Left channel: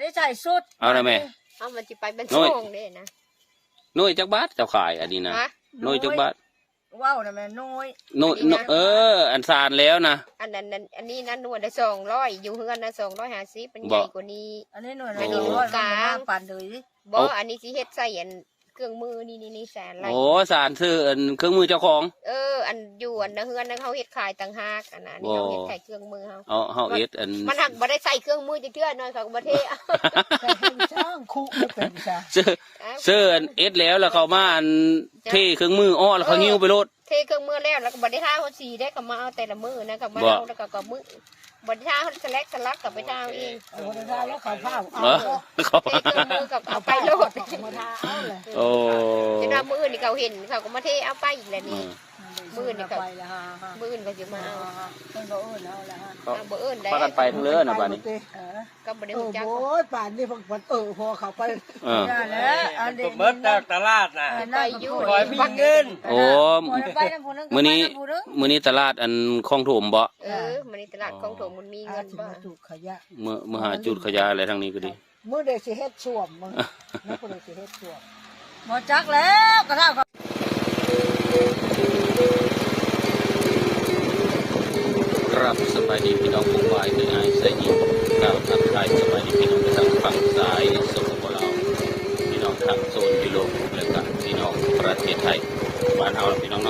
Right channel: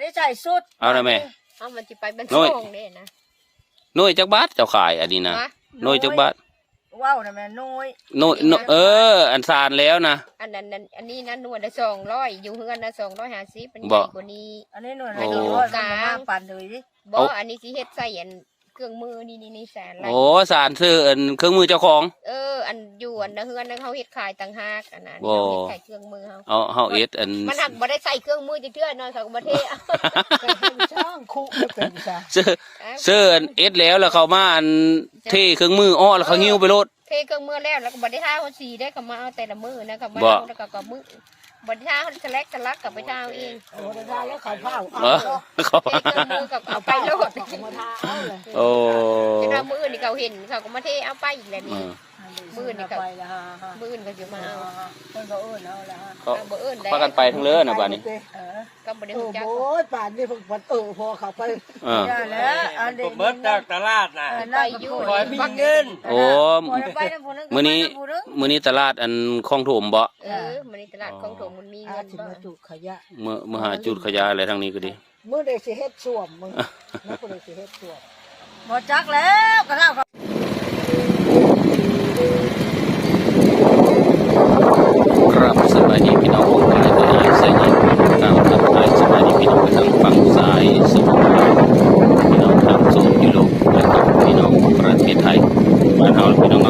ได้ใส่สุดเอาละแม่เอามันจะไปเป็นช่องเนี่ยนะหน่วยจักบาทเจ้าขายอันนี้นะหน่วยจักบาทว้าวนะแม่น้อยอันซานแล้วนะอันนี้นั่นหน่วยละ200อยู่เฮือนนะ250เป็นใหญ่กว่านี้อันนี้หน่วยละ100กลางปั่นเลยบ่อันนี้สิเฮ็ดใส่อันเครื่องมือนี่แสนอะไรโอ้สารซื้ออันเครื่องมือเจ้าของอันอยู่อันเฮือนนั้นเขาเฮ็ดขายต่างหากอันนั้นเขาเฮ็ดขายเครื่องมือเขาเอ็ดอันมันหักบ่ได้ใส่เครื่องมือจังเทื่อนอนเขาก็บ่เทช่างคู่ไม่เป็นจ้ะซื้ออันเอ็ดแล้วเขามาอันเทเครื่องมือแล้วเขาหิ้วไปรถเทเครื่องมือแล้วก็บ่ได้ท่าคนสีได้ก็มาเอาแต่ละมือนะก็มาเอาแล้วก็มือบนท่าเขาสลักกับไปท่าเองบนท่าแล้วขายผ้ามือกับเอาไปโลดโอ้เวลามือนี่เขาเห็นเขาก็มาเทเอาไปอีกแล้วนี่มือนี่เขามือเขาจะมาเอาบ่เอิ้นได้พากันไปทั้งเรือนะบ้านนี้ก็บ่ได้ฮู้จักโอ้ยป่านนี้พอเขาไปผมเบิดจากตลาดน่ะไปอยู่คอยมีเงินโอ้มื้อนี้ตลาดอันคลองถมบ่มื้อนี้ตลาดคลองถมมันมีเงินบ่จุดขยะมื้อหาจุดขยะอะไรทางนี้ก็ดีมื้อเด็กสิเฮ็ดช่วมมื้อเด็กสิเฮ็ดช่วมบ่จักแล้วกระเท่าครับสบายดีพี่น้องของเราก็อยู่เสียงเราสบายดีพี่น้องทางฝั่งซ้ายสปปลาวพี่น้องทางโซนยุโรปและพี่น้องประเทศไทยบ้านเราพี่น้อง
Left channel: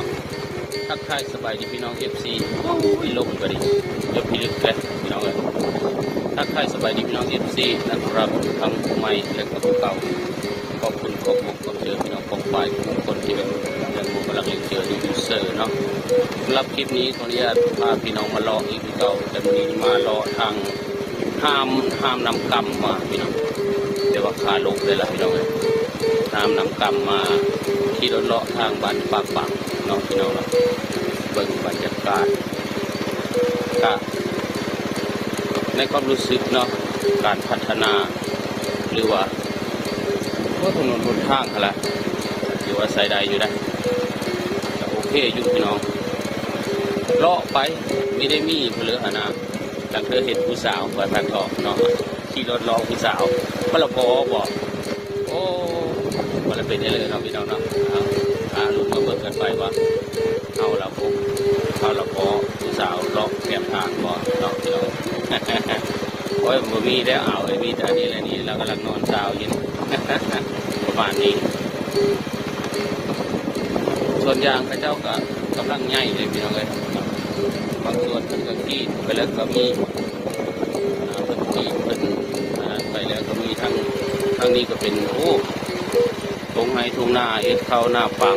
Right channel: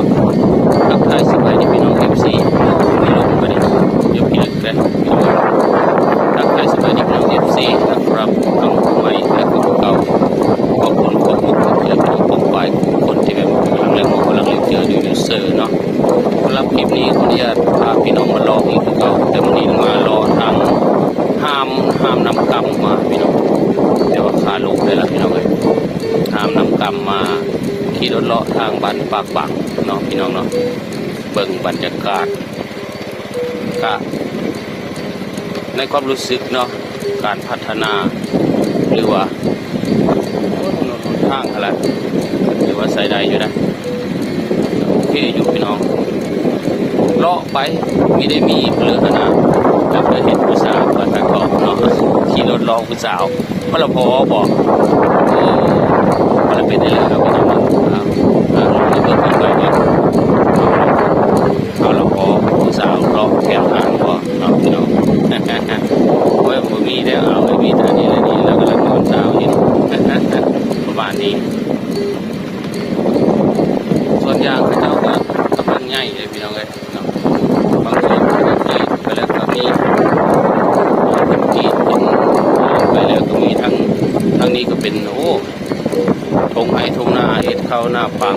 ทักทายสบายดีพี่น้องFCพี่น้องก็ได้เดี๋ยวพี่น้องจะทักทายสบายดีพี่น้องFCนะครับทางใหม่และคนเก่าขอบคุณคนที่เจอพี่น้องไปคนที่เป็นเรื่องของเราเจออยู่เซลล์เนาะรับคลิปนี้ขออนุญาตพาพี่น้องมาลองอีกก็เต็มที่ไม่รอทางห้ามนำกำมาพี่น้องเดี๋ยวขาลงเลยละพี่น้องห้ามนำกำมาขี่รถเลาะทางบ้านปากปักเนาะพี่น้องเนาะเบิ่งบรรยากาศก็ในความรู้สึกเนาะการพัฒนาหรือว่าถนนทางอะไรหรือว่าใส่ใดอยู่นะโอเคอยู่พี่น้องเลาะไปไม่ได้มีเลือกนะจำได้เห็นผู้สาวมาตั้งกองเนาะขี่รถล้อผู้สาวก็ละพอบอกมันเป็นอย่างไรวะนะไม่เป็นแบบนั้นเลยเอาละพอผู้สาวล้อแก้มหางบอกเนาะพี่น้องโอ้ยผมมีแล้วเอามีท่านี้แล้วก็ผู้สาวนี่ประมาณนี้ส่วนยางเขาก็กำลังง่ายเลยพี่น้องเลยบางทีก็ได้ก็มีเป็นจีนเป็นไปแล้วก็มีทั้งนี้ก็เป็นทงไห้ทงหน้าเห็นเข้าหน้าฟัง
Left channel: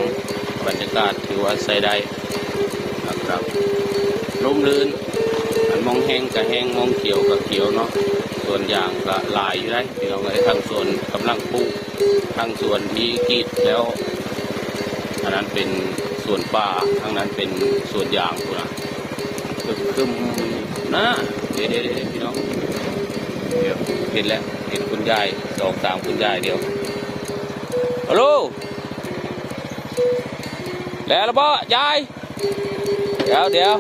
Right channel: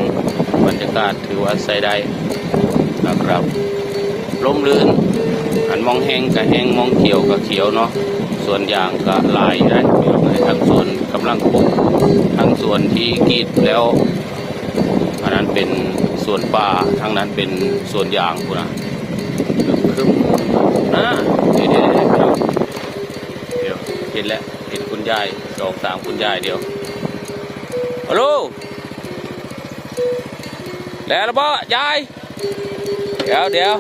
บรรยากาศถือว่าใส่ได้นะครับลมลื่นอันมองแห้งกับแห้งมองเขียวกับเขียวเนาะส่วนยางก็ลายได้พี่น้องเลยทั้งส่วนกำลังปลูกทั้งส่วนที่กรีดแล้วอันนั้นเป็นส่วนป่าทางนั้นเป็นส่วนยางกูนะคือเดี๋ยวเห็นแล้วเห็นคุณยาย2-3คุณยายเดี๋ยวฮัลโหลแล้วบ่ยายเดี๋ยว เดี๋ยว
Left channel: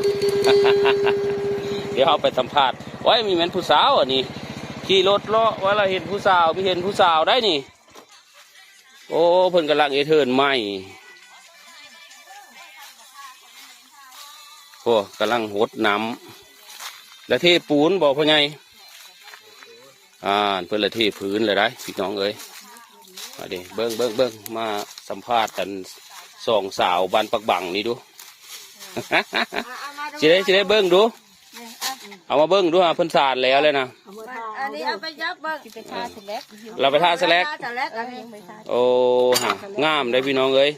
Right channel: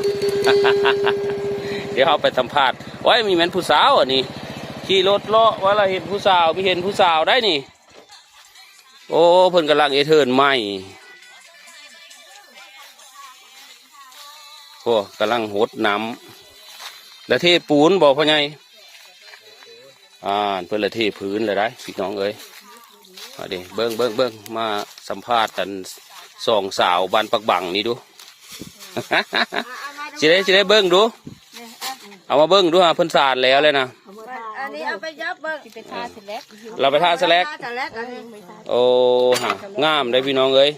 เอาไปสัมภาษณ์ไว้มีแม่นผู้สาวอ่ะนี่ขี่รถเลาะว่าเราเห็นผู้สาวมีเห็นผู้สาวได้นี่โอ้เพิ่นกำลังเทิร์นใหม่โอ้กำลังหดน้ำและเทปูนบอกพ่อไงเพื่อนละเทพื้นเลยได้พี่น้องเอ้ยเดี๋ยวเบิ้งมาสัมภาษณ์กัน2 สาวบ้านปักบังนี่ดูสิได้เบิ้งดูเอามาเบิ้งดูเพิ่นสานแล้วเลยนะอันนี้เอาไปยับเบิ้งเราไปท่าสแลกโอ้ฮะงามได้พี่น้องเอ้ย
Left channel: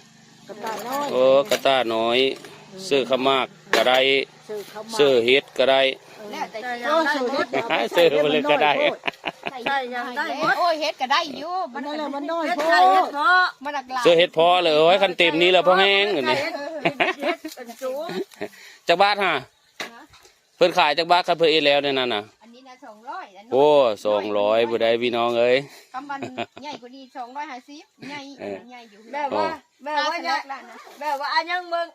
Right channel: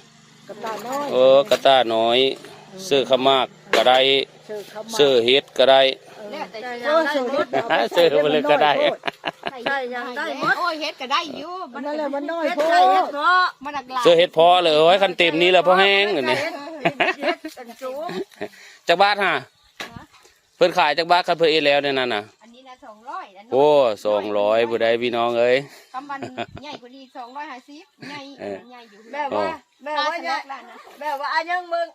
กระต้าน้อยเสื้อขมากก็ได้เสื้อเฮ็ดก็ได้เสื้อมันเลยก็ได้โอ้ยเฮ็ดก็ได้อยู่มันอะไรมันน้อยพอมันหลากหลายเสื้อเฮ็ดพอเลยไว้คันเต็มนี้แล้วพอแห้งอย่างนี้จากบ้านฮะเพิ่นขายจากบ้านคันเพิ่นเอแล้วเนี่ยนั่นน่ะอันนี้นะ200โอ้200บ่ได้พี่น้องเอ้ยคำมันใหญ่กว่านี้250ใหญ่อยู่แบบว่าอันยังมึง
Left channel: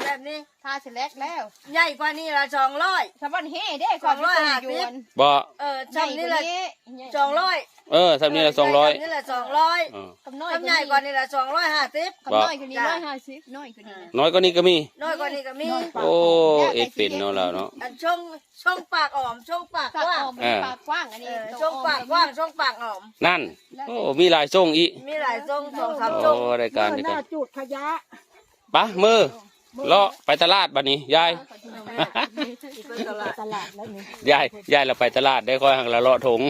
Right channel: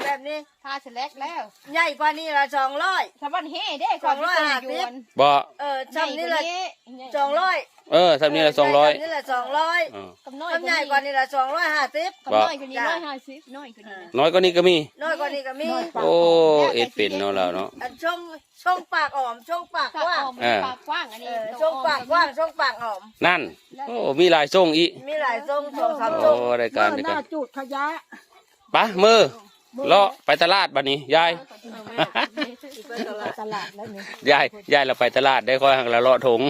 แบบนี้ ทาเสร็จแล้ว ใหญ่กว่านี้ละ200 สะบันเฮ่เด้ บ่ ซ้ำนี่ละ200 ทำนี่ละ200 นี่ละ200 กับน้อย ซ้ำใหญ่กว่านี้ละ250 กับน้อยกว่านี้150น้อยกว่านี้ น้อยกว่านี้ก็มี น้อยกว่านี้ก็มี โอ้เอ็ดเป็นเนาะเราเนาะ อันช่องปากอ่อมช่องปากกว้าง ปากกว้างอันนี้ ช่องปากกว้างช่องปากอ่อม นั่นโอ้มีหลายทรงอี มีหลายช่อง2-3 โอ้ ช่อง รายการเดียวกัน จุดขยะ ไปมือเลาะไปตลาดบัดนี้ยาย ตลาดแล้วนี่ ยายเราไปตลาดได้ค่อยหักละเลาะถุง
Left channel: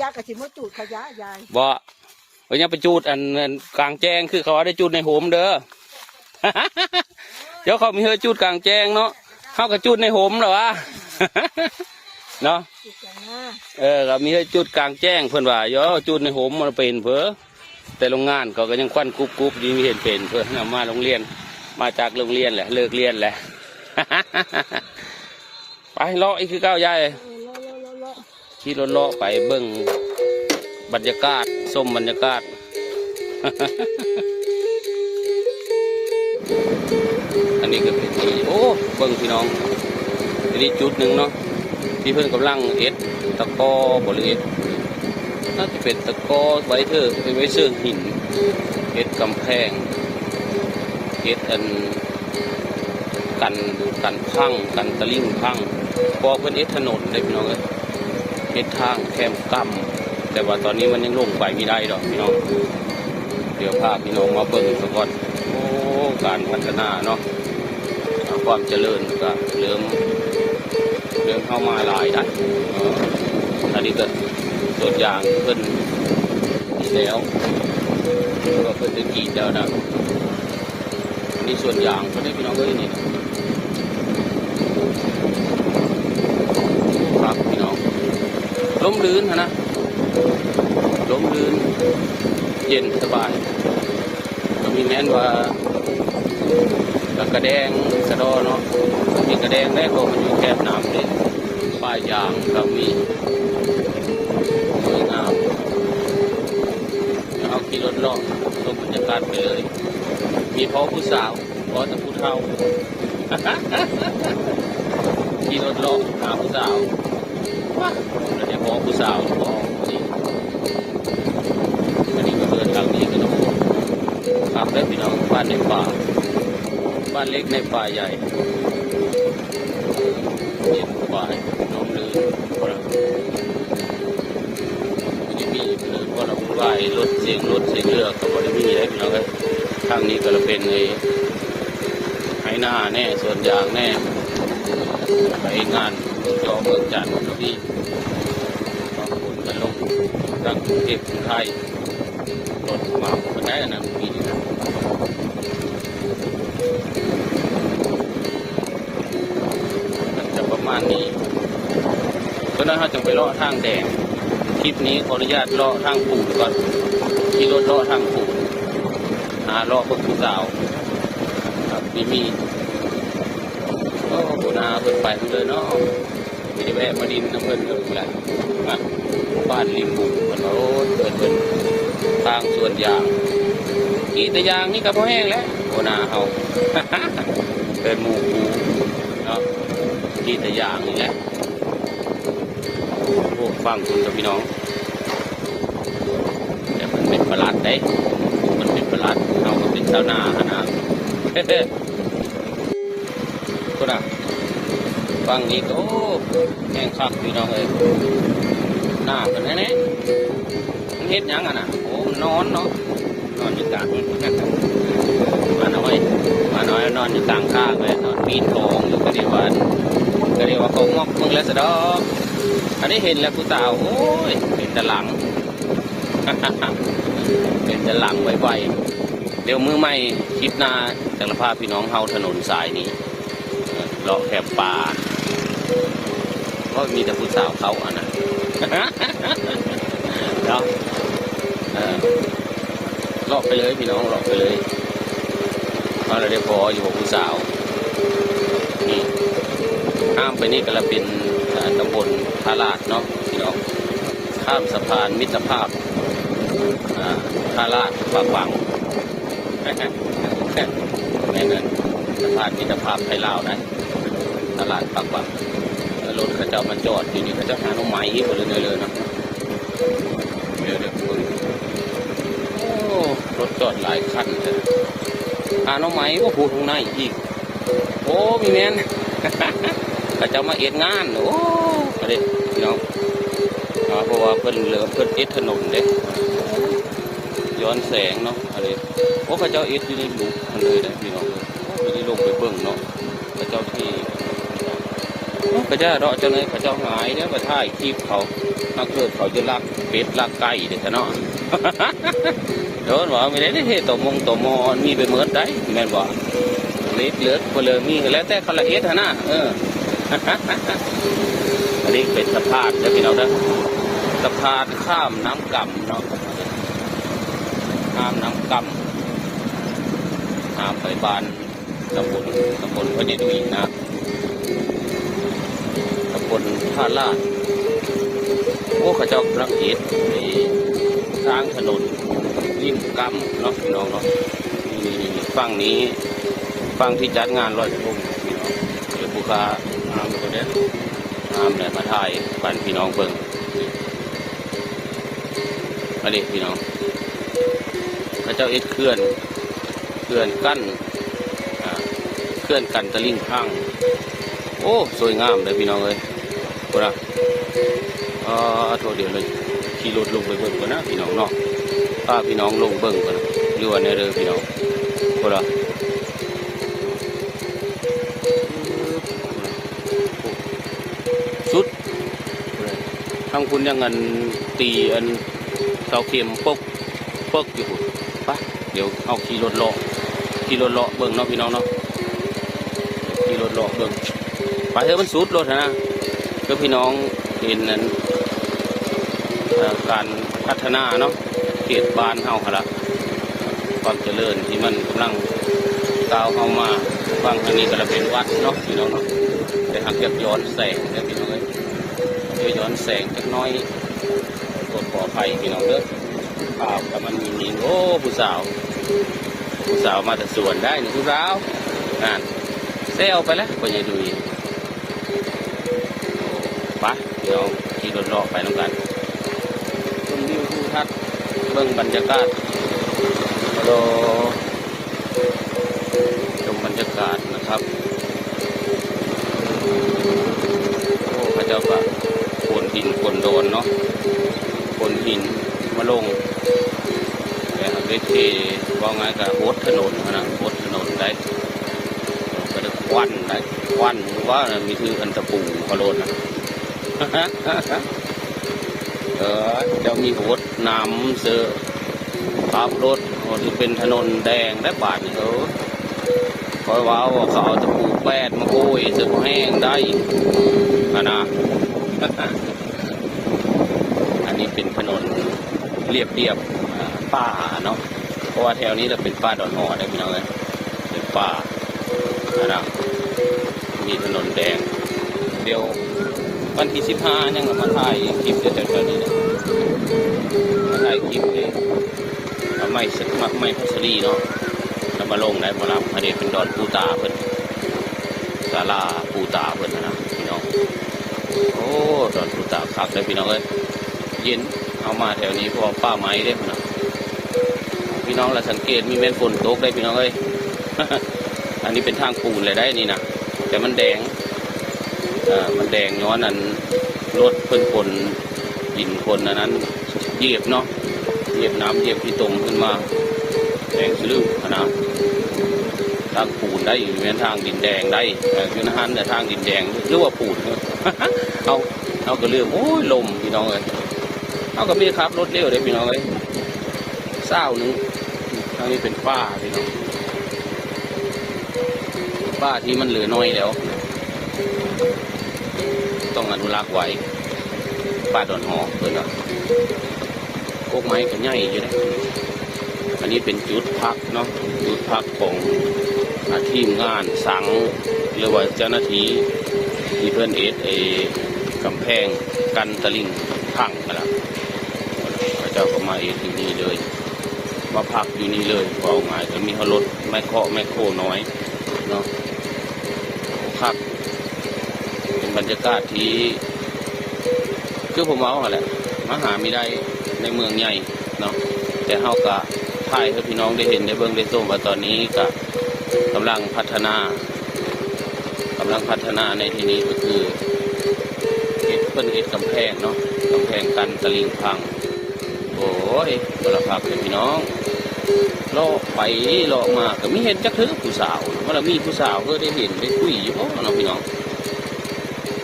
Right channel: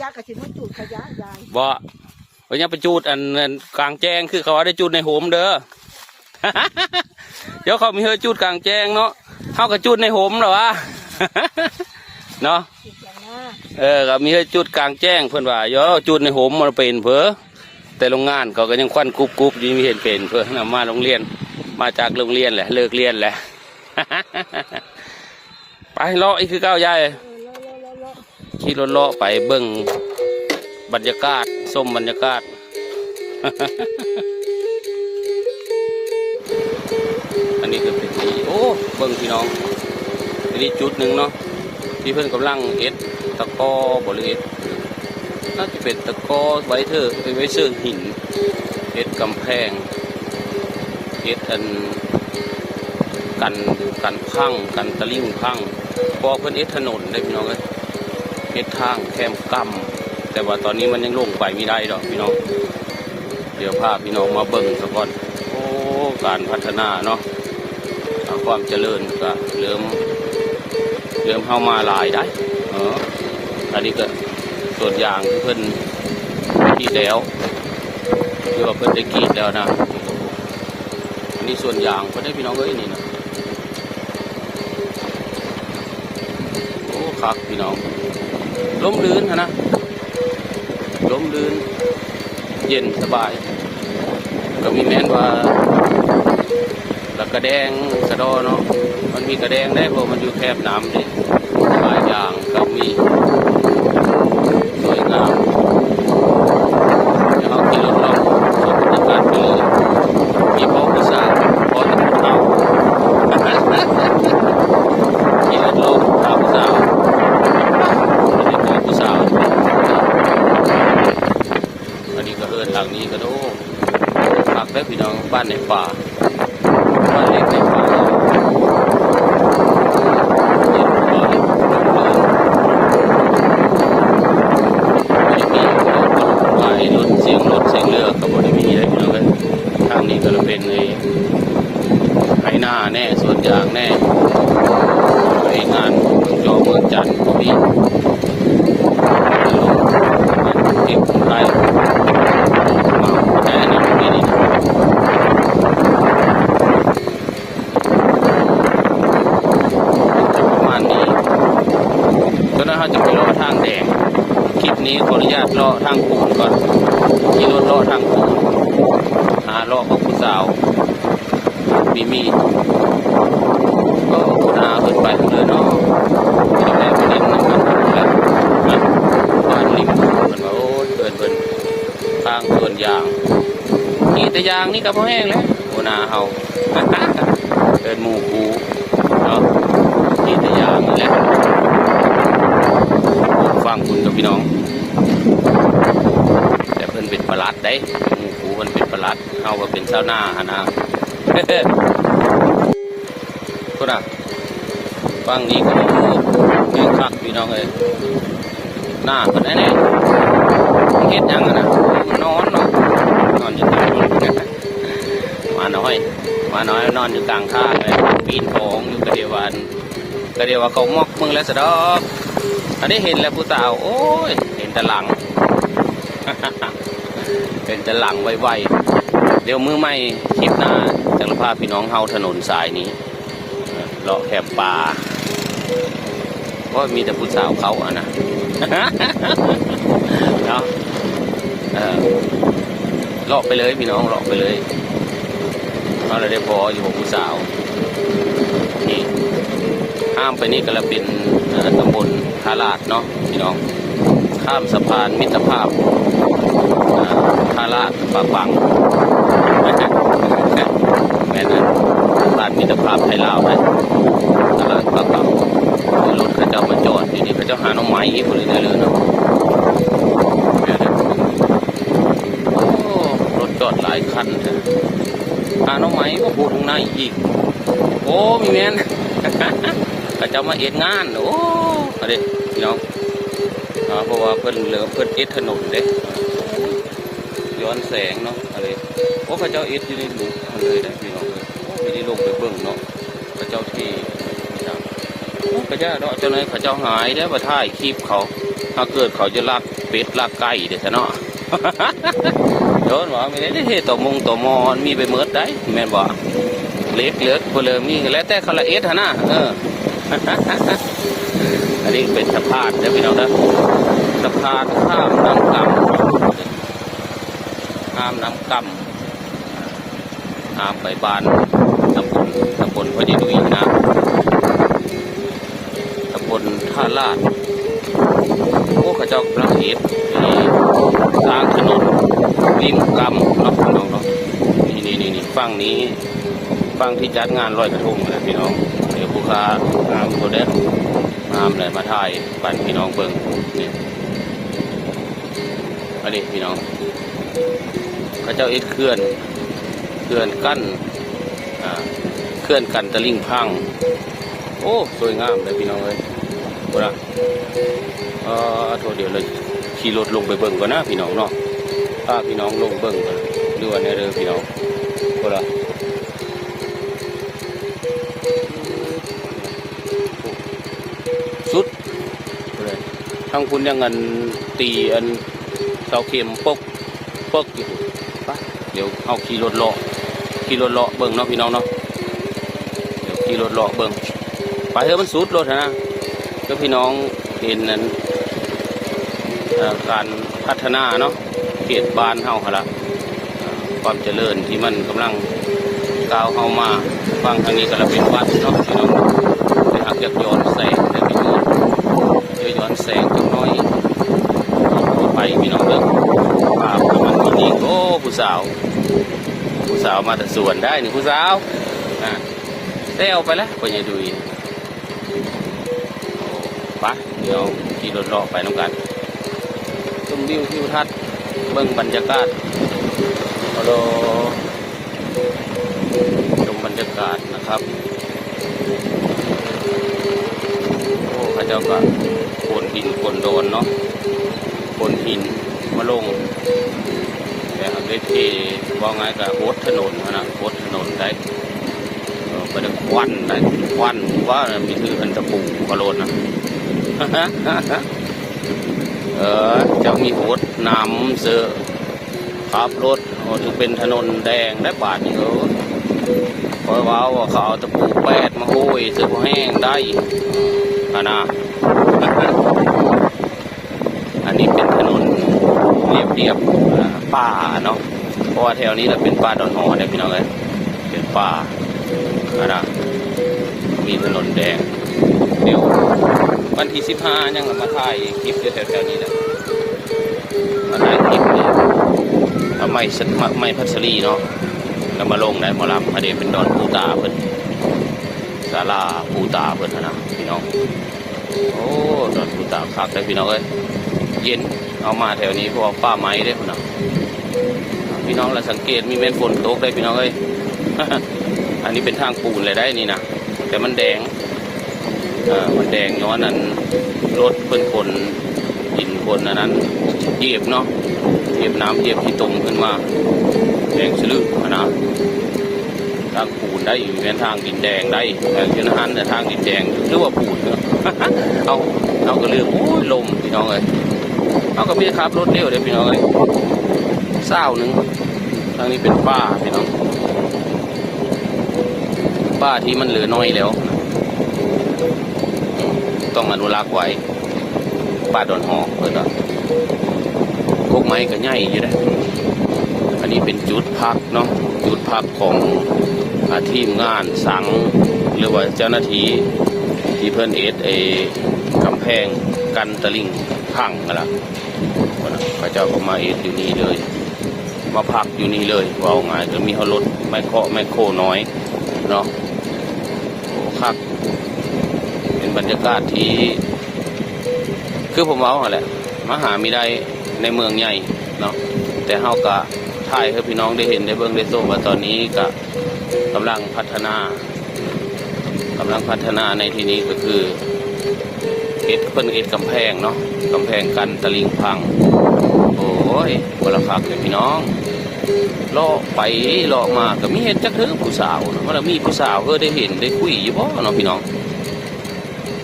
ยายกระชิมจุดขยะยาย บ่วันนี้ไปจูดอันกลางแจ้งคือเขาได้จูดในโหมเด้อ เดี๋ยวเขามีเฮอจูดกลางแจ้งเนาะเขาก็จูดในโหมเหรอวะ เนาะก็มีเฮอจูดกลางแจ้งเพื่อนว่าเดี๋ยวจูดในโหมมันเป็นเพื่อแต่โรงงานเขาก็ยังควันกรุบยิ่งเห็นเป็นเพื่อเอามาโรงเรียนมาจากโรงเรียนแหละเลิกเรียนแหละ ไปเลาะอีกคือเก้าใหญ่ขี่รถเลาะไปเบิ่งบรรยากาศส้มบรรยากาศ อันนี้ก็เป็นที่โอ้เบิ่งพี่น้องอันนี้จุดหนึ่งเนาะที่เพื่อนกำลังเอ็ดตะกอบหรือเอ็ดน่าจะเป็นตะกอไว้เถอะไว้เชื่อหินเอ็ดกำแพงเอ็ดอันกันพังกันตะลิ่งพังพอเพื่อนเอ็ดถนนได้พี่น้องเลยเอ็ดทางแคมกำแต่ว่าตอนนี้มันยังลงไปไม่ได้ดอกพี่น้องเดี๋ยวพาพี่น้องมาเบิ่งซะก่อนโอ้การพัฒนาเนาะความเจริญก็เริ่มเข้ามาหลายได้อันนี้ก็ส่วนอย่างเพื่อนกีดแล้วหรือว่าเพื่อนได้กีดแล้วนะอันนี้ส่วนอย่างเพื่อนได้พี่น้องเอ้ยนี่นะครับพี่น้องล้มลื่นนะล้มลื่นเย็นสบายก็มีแน่นว่าแล้วกระแดงกระดอเนาะมันมีกระแดงได้เพราะมันอยู่แคบน้ำเด็กหลายอย่างก็มีสวยงามแล้วขี่รถล่องรถตัดเลยยี่ห้อภาษาพอจะพูดเอาขี่รถล่องตามภาษายี่ห้อภาษาอันนี้ก็เดินทางนี้กันโอ้ขับได้พี่น้องบ้านในป่าบ้านเล็กในป่าใหญ่รถเสียงรถเสียงเรือกับบริเวณเล็กน้อยทางนี้ก็จะเป็นไอ้หน้าแน่ส่วนยางแน่ไอ้งานจอเมืองจันทร์ก็มีงานเก็บไข่ได้นี่มีนี่ประมาณนี้ก็น่าจะไปรอทางแดงคลิปนี้ขออนุญาตเลาะทางปูนก่อนมีรถเลาะทางปูนหาเลาะกับผู้สาวมีก็คุณอาขึ้นไปเลยเนาะแรงดินมันขึ้นไปแล้วนะบ้านนี้โอ้เป็นทางส่วนยางนี่แต่ยางนี่ก็พอแห้งแล้วคุณอาเอาเป็นหมูคูเนาะนี่แต่ยางเนี่ยฟังคุณกับพี่น้องแต่เป็นประหลัดได้กูมันเป็นประหลัดเอาก็เป็นชาวนานะก็นะฟังนี้ก็โอ้คักพี่น้องเลยหน้าคนนั้นเนี่ยเฮ็ดยังนะนอนเนาะนอนอยู่กลางมาน้อยนอนอยู่กลางข้างเลยปีนทองอยู่ก็เดียวว่าเขามอกมึงแล้วสะดอกอันนี้เห็นแล้วผู้สาวโอ้ยเป็นตะลัง เป็นตะลังไวๆเดี๋ยวมือใหม่คลิปหน้าจังหวัดภาพพี่น้องเฮาถนนสายนี้เลาะแคบป่าก็มีแต่ผู้สาวเขาอ่ะนะ เนาะเลาะไปเลยพี่น้องเลาะไปเลยเอาอะไรได้พออยู่กับผู้สาวข้ามไปนี่ก็ละเป็นตำบลทาราดเนาะพี่น้องข้ามสะพานมิตรภาพทาราดปากแม่นั้น ตลาดมิตรภาพไทยลาวนะตลาดปลาเก๋ารถเขาเจ้ามาจอดทีนี้เขาเจ้าหาน้องไม้นี่คนเลยเดินเนาะรถจอดหลายคันเลยหาน้องไม้ก็พูดข้างในอีกโอ้มีแน่นเขาเจ้ามาเอ็ดงานโอ้อะไรพี่น้องเพราะว่าเพิ่นเหลือเพิ่นเอ็ดถนนเด้ย้อนแสงเนาะอะไรโอ้เขาเจ้าเอ็ดอยู่ในหลุมเลยนะพี่น้องเลยไม่ได้ลงไปเบิ่งเนาะเขาเจ้าที่เขาเจ้าเนาะเจ้าไหนเขาเจ้าหายเด้มาถ่ายคลิปเขาถ้าเกิดเขาจะลักเป็ดลักไก่เด็ดเนาะโดนบอกไม่ได้เฮ็ดต่อมอมีไปเมิดได้แม่บอกเล็กเลือดพลเรือนมีแล้วแต่คาราเอสนะอันนี้เป็นสะพานเดี๋ยวพี่น้องนะสะพานข้ามน้ำกำข้ามไปบ้านตำบลพอดีนะตำบลท่าลาดโอ้ข้าเจ้ารักเห็ดทางถนนริมกำเนาะพี่น้องเนาะนี่ฝั่งนี้ฝั่งที่จัดงานลอยกระทงนะพี่น้องเดี๋ยวผู้ค้าตัวนี้เลยมาถ่ายบ้านพี่น้องเบิ่งอันนี้พี่น้องข้าเจ้าเอ็ดเคลื่อนกั้นตะลิ่งข้างโอ้สวยงามเลยพี่น้องเลยโบราณตัวเดียวเลยขี่รถลงไปเบิ่งก่อนนะพี่น้องเนาะถ้าพี่น้องลงเบิ่งก่อนหรือว่าในเรือพี่น้องโบราณสุดทั้งคุณยังเงินตีอันเสาเข็มปกอยู่ปะเดี๋ยวเอาขี่รถเลาะเบิ่งเนาะพี่น้องเนาะขี่รถเลาะเบิ่งไปเถอะมันสุดรถนะก็พี่น้องเห็นนั้นการพัฒนาเนาะเขตบ้านเฮาฮะละความเจริญที่มันกำลังก้าวเข้ามาฟังทางนี้ก็เราเป็นวัดเนาะพี่น้องแต่หากจะย้อนแสงจังน้อยไปพี่น้องเด้อมาวันนี้โอ้ผู้สาวมาแต่สวนได้นี่ผู้สาวเซลไปนะไปยังดูอีกไปเดี๋ยวขี่รถเลาะไปน้ำกันชมวิวทิวทัศน์เบิ่งบรรยากาศฮัลโหลชมบรรยากาศนะครับโอ้พระเจ้าก็โคนดินโคนโดนเนาะโคนหินมาลงแต่หากได้เทว่าไงกับโบสถนนนะโบสถนนได้ก็จะควันว่ามีคืออันตะปูกระโดดนะจะมีโบสถน้ำเสือขับรถจะเป็นถนนแดงได้บาดเขาคอยว่าเขาเอาตะปูแปดมาโอยเสือแห้งได้นะอันนี้เป็นถนนเรียบป่าเนาะเพราะว่าแถวนี้เราเป็นป่าดอนหอเนี่ยพี่น้องเลยเป็นป่านะมีถนนแดงเดี๋ยววันที่15ยังมาถ่ายคลิปแถวๆนี้นะมาถ่ายคลิปไม่พัสรีเนาะแล้วมาลงได้มารับมาเดี๋ยวเป็นดอนปูตาเพิ่นศาลาปูตาเพิ่นนะพี่น้องโอ้ดอนปูตาครับได้พี่น้องเลยเย็นเอามาแถวนี้เพราะป้าไม้ได้ขนาดพี่น้องเราสังเกตมีเม็ดฝนตกได้พี่น้องเอ้ย อันนี้เป็นทางปูนเลยได้นี่นะแต่มันแดงย้อนนั้นรถเพิ่นฝนดินฝนนั้นเหยียบเนาะเหยียบน้ำเหยียบที่ตรงขึ้นมาแดงสลือนะทางปูนได้เป็นทางดินแดงได้คือนะฮะแต่ทางดินแดงหรือว่าปูน เอาก็เรื่องโอ้ยลมพี่น้องเอ้ยเอาก็พี่ครับรถเดียวเลยพี่น้องเอ้ยเศร้าหนึ่งทางนี้เป็นป้าพี่น้องป้าที่มันเหลือน้อยแล้วต้องอนุรักษ์ไว้ป้าดอนหอกเลยก็พวกไม้ก็ง่ายอยู่ได้อันนี้เป็นจุดพักเนาะจุดพักของทีมงานสังหรือว่าเจ้าหน้าที่ที่เพิ่นกำแพงกันตะลิ่งพังอะไรพระเจ้าก็มาอยู่นี่เลยมาพักอยู่นี่เลยว่าไงจะมีรถไมโครน้อย เนาะคักเป็นบรรยากาศที่คือผมเอาอะไรมาหาไม่ได้ในเมืองใหญ่เนาะแต่เฮากะถ่ายให้พี่น้องได้เห็นได้เบิ่งได้ชมว่าตอนนี้ก็กำลังพัฒนาในที่นี้ก็คือเฮ็ดกำแพงเนาะกำแพงกันตะลิงพังโอ้ยบ่ละคักเลยพี่น้องเลาะไปเลาะมาก็มีเห็นจักเทื่อผู้สาวมันมีผู้สาวได้เห็นได้คุยอยู่บ่เนาะพี่น้อง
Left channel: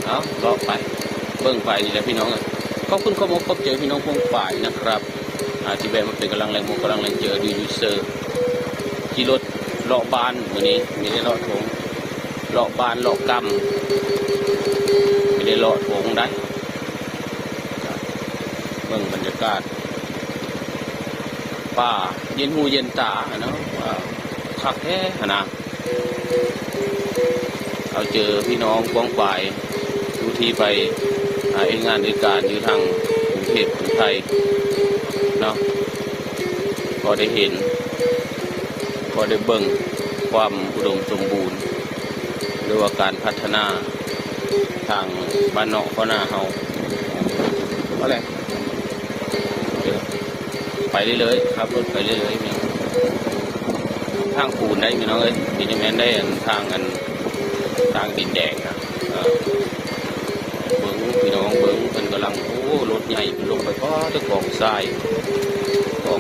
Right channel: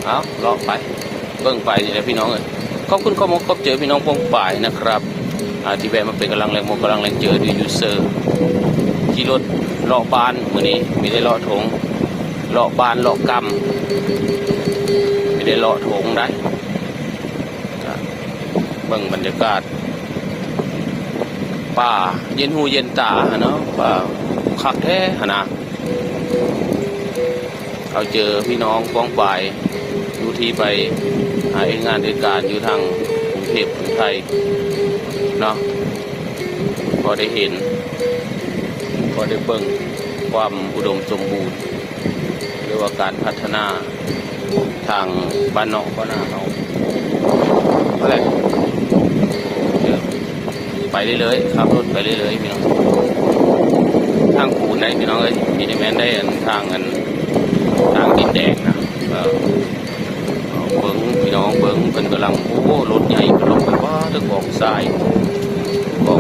เอาเลาะไปเบิ่งไปนี่แหละพี่น้องเอ้ยขอบคุณข้อมูลขอบเจอพี่น้องพวงฝ่ายนะครับที่แบบมาเป็นกำลังแรงกำลังแรงเจอดูยูเซอร์ขี่รถเลาะบ้านมื้อนี้ไม่ได้เลาะถงเลาะบ้านเลาะกำไม่ได้เลาะถงได้เบิ่งบรรยากาศป่าเย็นหูเย็นตาเนาะป่าคักแท้นะเขาเจอพี่น้องกองฝ่ายดูที่ไปงานด้วยการอยู่ทางกรุงเทพกรุงไทยเนาะพอได้เห็นพอได้เบิ่งความอุดมสมบูรณ์หรือว่าการพัฒนาทางบ้านนอกบ้านนาเฮาอะไรไปเรื่อยๆขับรถไปเรื่อยๆพี่น้องทางปูนได้พี่น้องเอ้ยมีอย่างนั้นได้ทางดินแดงนะเบิ้งพี่น้องเบิ้งเป็นกำลังโอ้รถใหญ่ลงไปว่าด้วยกองทรายโอ้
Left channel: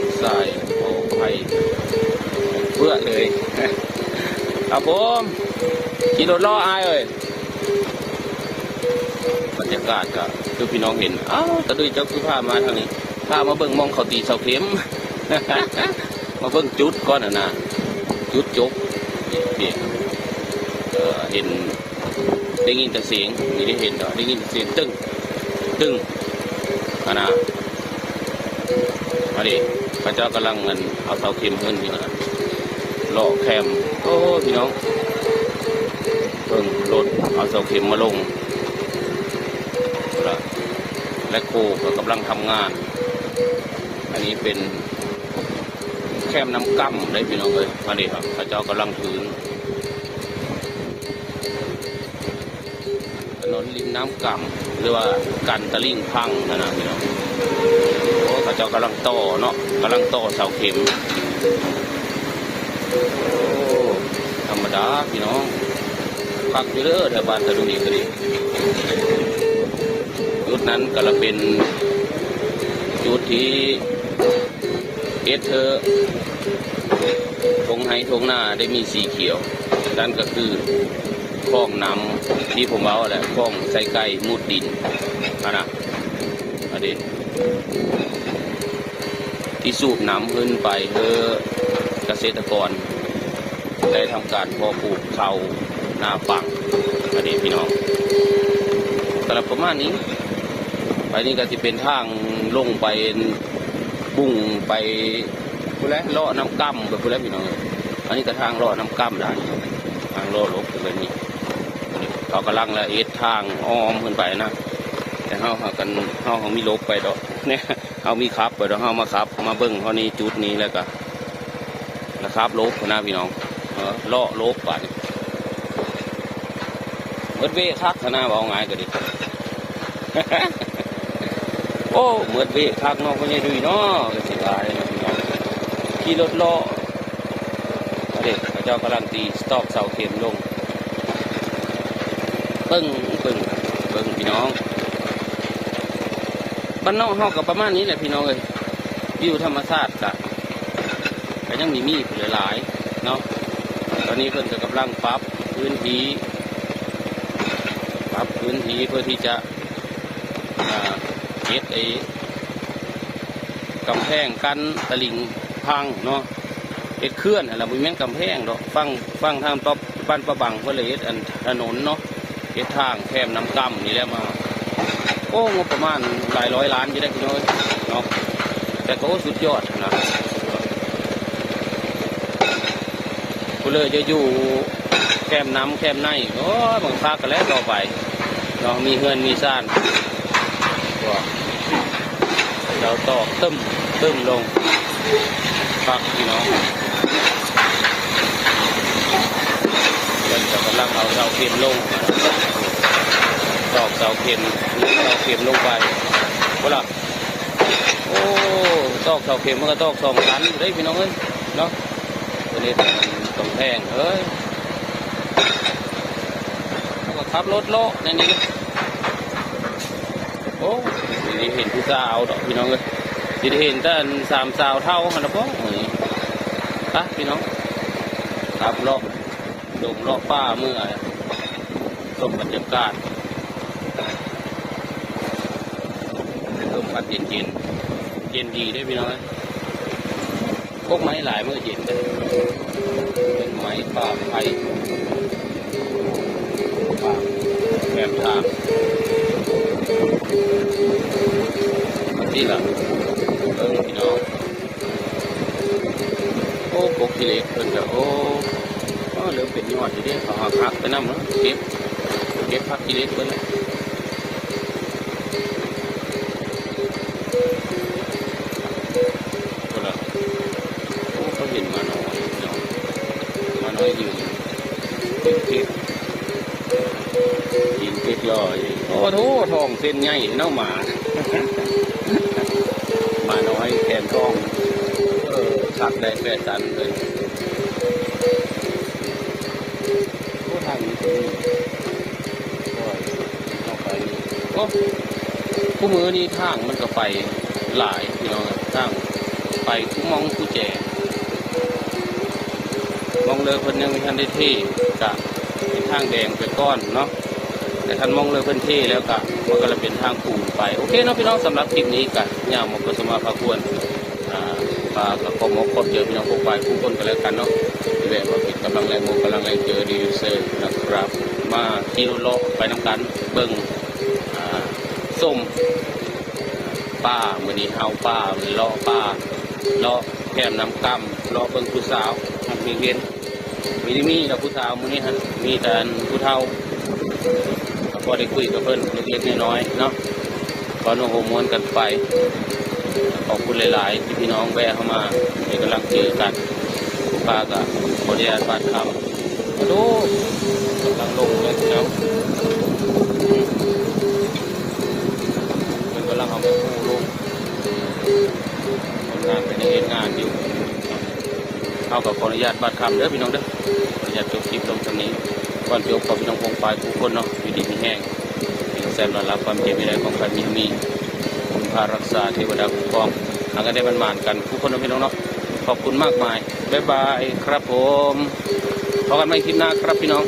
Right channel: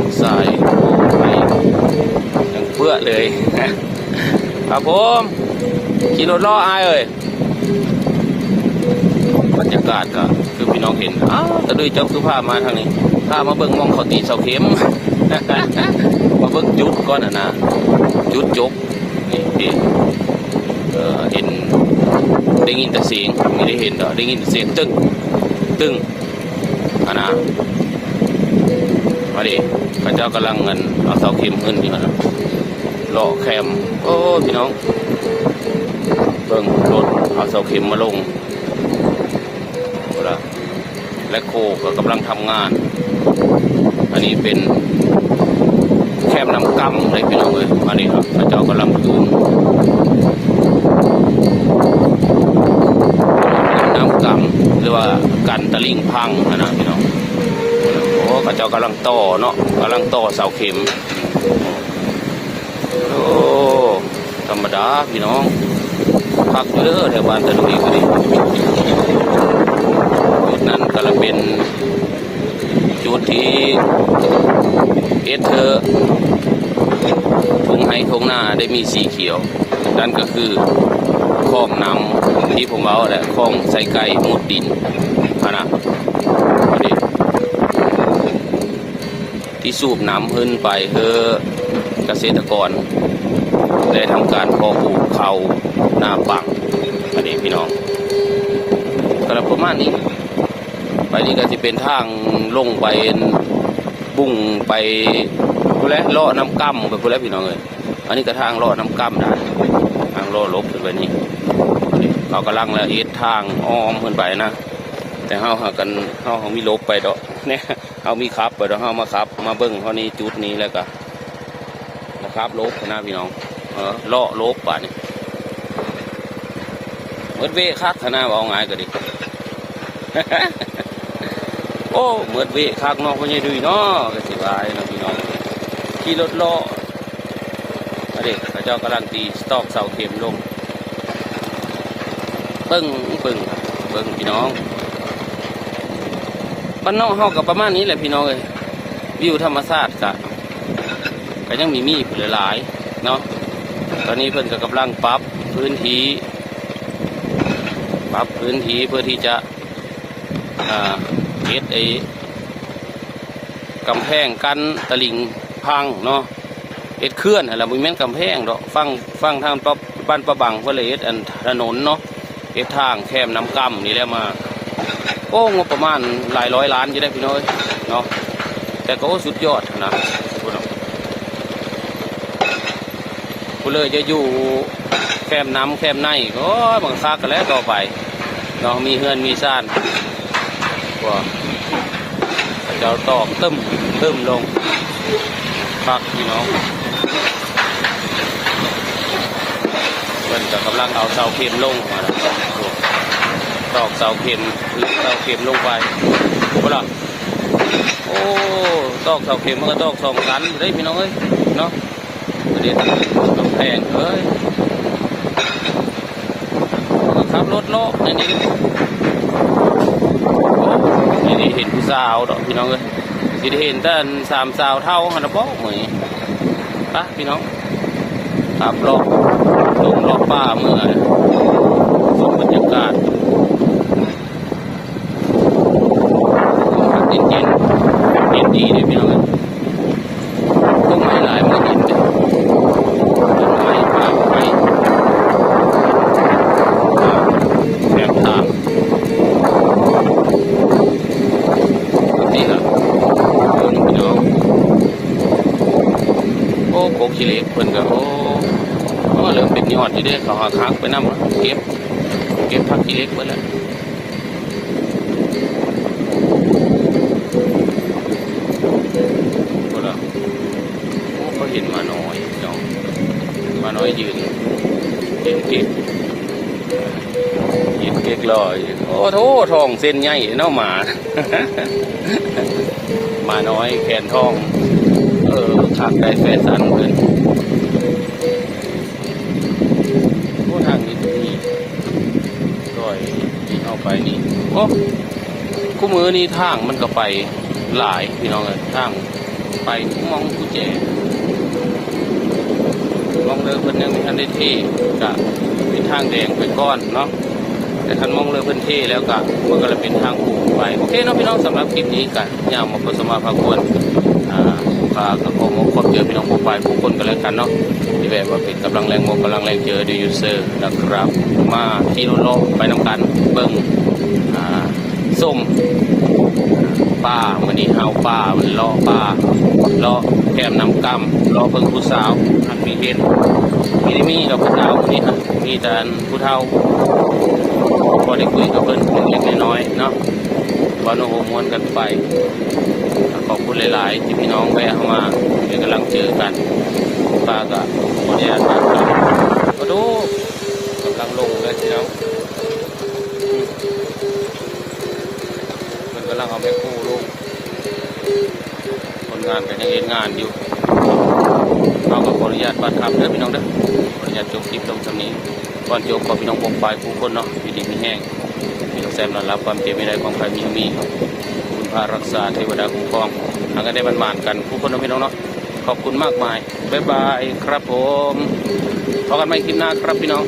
ไปเพื่อเลยครับผมขี่รถล้ออายเอ้ยบรรยากาศก็คือพี่น้องเห็นแต่ด้วยเจ้าคือพามาทางนี้ถ้ามาเบิ่งมองเขาตีเสาเข็มมาเบิ่งจุดก่อนนะจุดยกเห็นได้ยินแต่เสียงไม่ได้เห็นได้ยินแต่เสียงตึ้งนะมาดิพระเจ้ากำลังเงินเอาเสาเข็มขึ้นนี่นะเลาะแคมโอ้พี่น้องเบิ่งรถเอาเสาเข็มมาลงและโคก็กำลังทำงานอันนี้เป็นแคมน้ำกำเลยพี่น้องเลยมาดิครับพระเจ้ากำลังอยู่น้ำกำหรือว่ากันตะลิ่งพังนะพี่น้องโอ้พระเจ้ากำลังต่อเนาะกำลังต่อเสาเข็มโอ้ธรรมดาพี่น้องพักเยอะแต่บ้านจะดูดีกว่านี้นั่นก็จะเป็นจุดที่เธอทงให้ทงหน้าได้มีสีเขียวนั่นก็คือคลองน้ำที่ผมเอาแหละคลองใส่ไก่มุดดินนะที่สูบน้ำขึ้นไปเพื่อเกษตรกรได้ทำการเพาะปลูกข้าวหน้าปังอันนี้พี่น้องกระประมาณนี้ไปนี่ก็จะเป็นทางลงไปบุ้งไปพูดแล้วเลาะน้ำกั้มไปพูดแล้วพี่น้องเลยอันนี้ก็ทางเลาะน้ำกั้มนะทางเลาะลบไปนี่เรากำลังละเอียดทางอ้อมขึ้นไปนะแต่เขามีลบไปดอกเนี่ยเขามีขับไปดอกเขามาขับมาเบิ้งเขานี้จุดนี้แล้วก็นะครับลบนะพี่น้องเลาะลบป่ะนี่รถเวคักขนาดเอาไงก็ดิโอ้เหมือนเวคักน้องก็ยังดูเนาะก็สิบายนะพี่น้องขี่รถเลาะเด็กพระเจ้ากำลังตีสตอกเสาเข็มลงปึ้งพี่น้องบ้านนอกเฮากับประมาณนี้แหละพี่น้องเลยวิวธรรมชาติก็ยังมีหลายเนาะตอนนี้เพิ่นก็กำลังปรับพื้นที่เพื่อที่จะเฮ็ดกำแพงกันตะลิ่งพังเนาะเฮ็ดเคลื่อนอะไรบ่แม่นกำแพงดอกฟังทางบ้านประบังเพื่อเลยเฮ็ดอันถนนเนาะเฮ็ดทางแคมน้ำกั้มนี่แหละมาโอ้งบประมาณหลายร้อยล้านอยู่ได้พี่น้อยเนาะแต่ก็สุดยอดนะผู้เลยจะอยู่แคมน้ำแคมในโอ้บางคักกันแล้วต่อไปเนาะมีเฮือนมีซ่านว่าเราตอกตึ้มลงพักพี่น้อง เพิ่นก็กำลังเอาเสาเข็มลงมาแล้วตอกเสาเข็มลงไปบ่ล่ะโอ้ตอกเสาเข็มมันก็ตอก2 ชั้นได้พี่น้องเอ้ยเนาะเด็ดต้องแพงเอ้ยขับรถเลาะในนี้โอ้ไม่ได้เห็นผู้สาวดอกพี่น้องเอ้ยไม่ได้เห็นแต่3 สาวเท่าหันนะป้องเหมือนปะพี่น้องขับเลาะลงเลาะป่าเมื่อบรรยากาศดีๆพี่น้องก็ไม่หลายเมื่อนี้ไม่ป่าไม่แบบทางนี่ละพี่น้องโอ้ปกขี้เหล็กเพิ่นก็โอ้เริ่มเป็นยอดที่ได้เขาหาทางไปนำเก็บผักขี้เหล็กไปแล้วโอ้เขาเห็นมาน้อยเนาะมาน้อยยืนเก่งยินเด็กลอยโอ้โหทองเส้นใหญ่เนาะหมามาน้อยแขนทองขับได้แฟนสันขึ้นทางนี้ตรงนี้ลอยเอาไปนี่โอ้คู่มือนี่ทางมันก็ไปหลายพี่น้องเลยทางไปมองผู้แจมองเลยเพิ่นยังมีทันได้ที่กะเป็นทางแดงเป็นก้อนเนาะแต่คันมองเลยเพิ่นที่แล้วกะมันก็เลยเป็นทางผูกไปโอเคเนาะพี่น้องสำหรับคลิปนี้กะย่างมาประสมาพาควรฝากขอมอบเดียวพี่น้องผู้ไปผู้คนกันเลยกันเนาะที่แบบว่าเป็นกำลังแรงกำลังแรงเจอดียูเซอร์นะครับมาที่โลกไปน้ำกันเบิ่งส้มป้าวันนี้เอาป้าวันนี้ล้อป้าล้อแก้มน้ำกำล้อเบิ่งผู้สาวทำเป็นเฮ็ดมีกับผู้สาวนี่ฮะมีแต่ผู้เฒ่าพอได้คุยกับเพิ่นเล็กน้อยเนาะวันโอ้โหม้วนกันไปขอบคุณหลายๆที่พี่น้องแวะเข้ามาเป็นกำลังเจอกันป้าก็ขออนุญาตมาครับมาดูกำลังลงเลยพี่น้องกำลังเอาแม่คู่ลงคนงานเป็นงานอยู่เราก็ขออนุญาตบัตรคำเด้อพี่น้องเด้อขออนุญาตจบคลิปตรงนี้ก่อนจบขอพี่น้องวงปลายผู้คนเนาะอยู่ดีมีแห้งพี่น้องแซมนอนรับความเจ็บไม่ได้ของใครมีคุณพารักษาเทวดาคุ้มครองหากันได้มันกันผู้คนเนาะพี่น้องเนาะขอบคุณมากมายบ๊ายบายครับผมพบกันใหม่คลิปหน้าครับพี่น้อง